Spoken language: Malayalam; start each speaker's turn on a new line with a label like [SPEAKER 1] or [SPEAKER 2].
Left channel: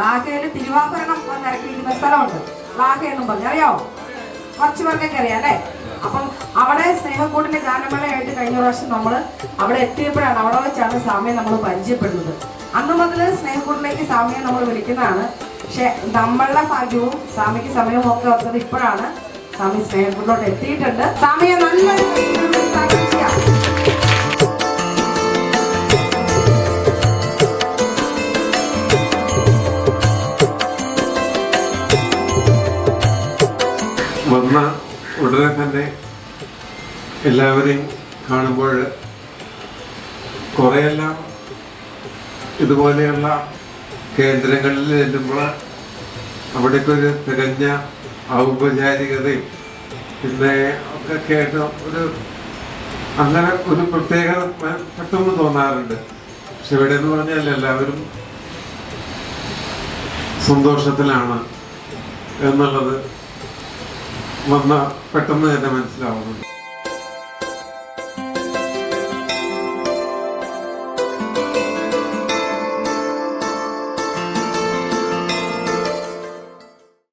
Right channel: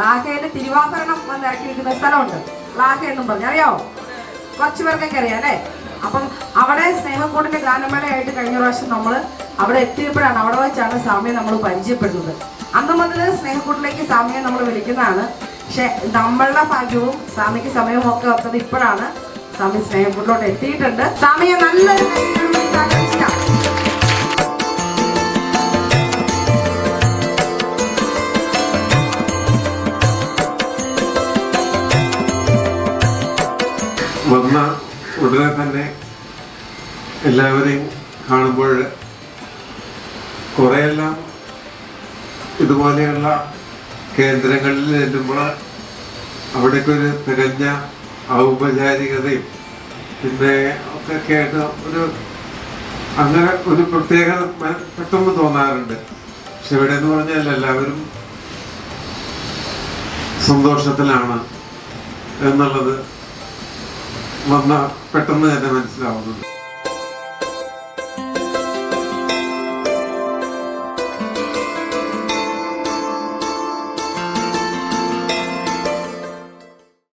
[SPEAKER 1] ലാഹയിൽ തിരുവാഭരണം ഇറക്കിയിരിക്കുന്ന സ്ഥലമുണ്ട്. ലാഹ എന്നും പറഞ്ഞു. അറിയാവോ കുറച്ച് പേർക്കൊക്കെ അറിയാം അല്ലേ? അപ്പം അവിടെ സ്നേഹക്കൂടിന്റെ ഗാനമേളയായിട്ട് കഴിഞ്ഞ പ്രാവശ്യം നമ്മൾ അവിടെ എത്തിയപ്പോഴാണ് അവിടെ വെച്ചാണ് സ്വാമിയെ നമ്മൾ പരിചയപ്പെടുന്നത്. അന്ന് മുതൽ സ്നേഹക്കൂടിലേക്ക് സ്വാമിയെ നമ്മൾ വിളിക്കുന്നതാണ്. പക്ഷെ നമ്മളുടെ ഭാഗ്യവും സ്വാമിക്ക് സമയവും ഒക്കെ വന്നത് ഇപ്പോഴാണ്. സ്വാമി സ്നേഹക്കൂടിലോട്ട് എത്തിയിട്ടുണ്ട്. സ്വാമിയെ നല്ലൊരു
[SPEAKER 2] വന്ന ഉടനെ തന്നെ എല്ലാവരെയും കാണുമ്പോൾ കുറെയെല്ലാം ഇതുപോലെയുള്ള കേന്ദ്രങ്ങളിൽ ചെല്ലുമ്പോൾ അവിടേക്ക് ഒരു തികഞ്ഞ ഔപചാരികതയും പിന്നെ ഒക്കെ കേട്ട് ഒരു അങ്ങനെ ഒരു പ്രത്യേക മ- പെട്ടെന്ന് തോന്നാറുണ്ട്. പക്ഷെ ഇവിടെ എന്ന് പറഞ്ഞാൽ എല്ലാവരും സന്തോഷത്തിലാണ് എന്നുള്ളത്. വന്ന പെട്ടെന്ന് തന്നെ മനസ്സിലാവുന്നുണ്ട്.